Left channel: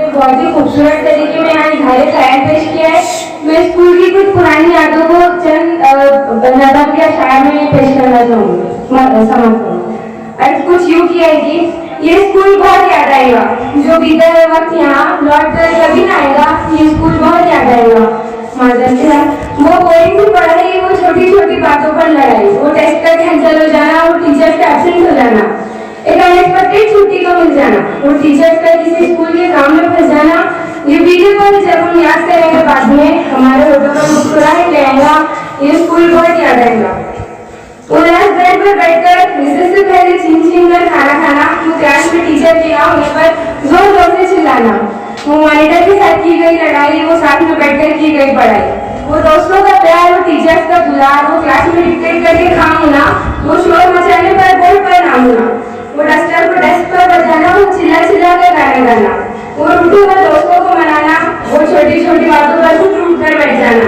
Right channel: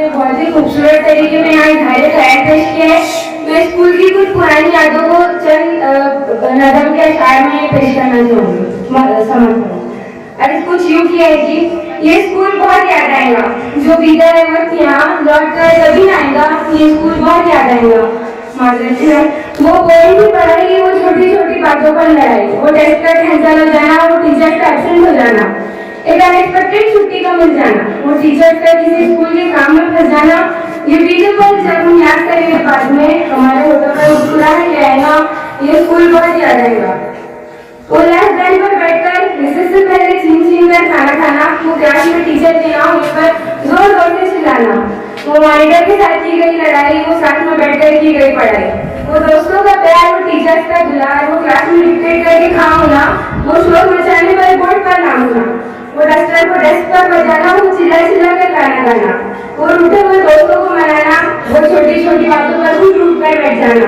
ने बहुत ही खूबसूरत तरीके में यहाँ इज़हार ख्याल पेश किया है। मैं स्कूल की कुछ पुरानी यादों को चंद नज़म के अशार में पेश करना चाहूँगी, समझ और कुछ यूँ किया है कि ये स्कूल बहुत याद आएगा, जो बीता है वक्त यहाँ लौट कर कभी ना आएगा, ये स्कूल बहुत याद आएगा। वो कोई भी पढ़ाई, वो छोटी छोटी बातों पर लड़ाई, वो टेस्ट का कैंसिल हो जाना, वो टीचर का एब्सेंट हो जाना, एक अनएक्सपेक्टेड छुट्टी का मिल जाना, वो टीचर्स का किसी स्कूल के काम में फंस जाना, ये बीते पल जब हम याद करेंगे बाद में हमारे होठों पर मुस्कुराहट ले आएगा, ये स्कूल बहुत याद आएगा। वो लास्ट बेंच पर बैठकर रिसेस से पहले छीन कर खाना खाना, वो क्लास में टीचर के यहाँ होने पर जोर जोर से चिल्लाना, वो मॉनिटर के साथ की गई लड़ाई, वो साथ में बैठकर की गई पढ़ाई, वो दोस्तों का प्यार, वो टीचर्स का दुलार, वो क्लास में डिक्टेट करके काम होना, वो शोर मचाने पर बोर्ड पर नाम होना, वो डस्टर को डेस्क पर बजाना, वो चिल्ला चिल्ला कर गाना गाना, वो रूठे हुए दोस्तों को मनाना, वो छोटी छोटी बातों पर टूट कर बैठ जाना।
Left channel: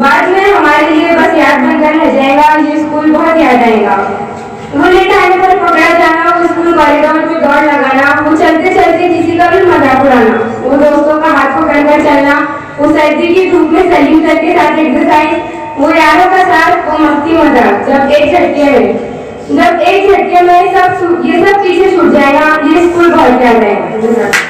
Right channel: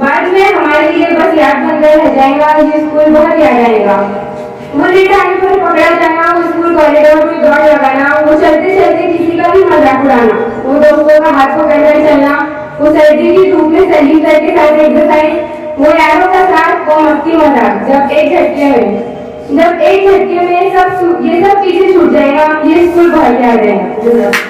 बाद में हमारे लिए बस याद बनकर रह जाएगा, ये स्कूल बहुत याद आएगा। वो लेट आने पर पकड़ा जाना, वो स्कूल कॉरिडोर में दौड़ लगाना, वो चलते चलते किसी का भी मजाक उड़ाना, वो दोस्तों का हाथ पकड़ कर चलना, वो सर्दी की धूप में सैल्यूट करके साथ एक्सरसाइज, वो यारों का साथ, वो मस्ती मजाक, जब एक झटके में ये सब पीछे छूट जाएगा, ये स्कूल बहुत याद आएगा।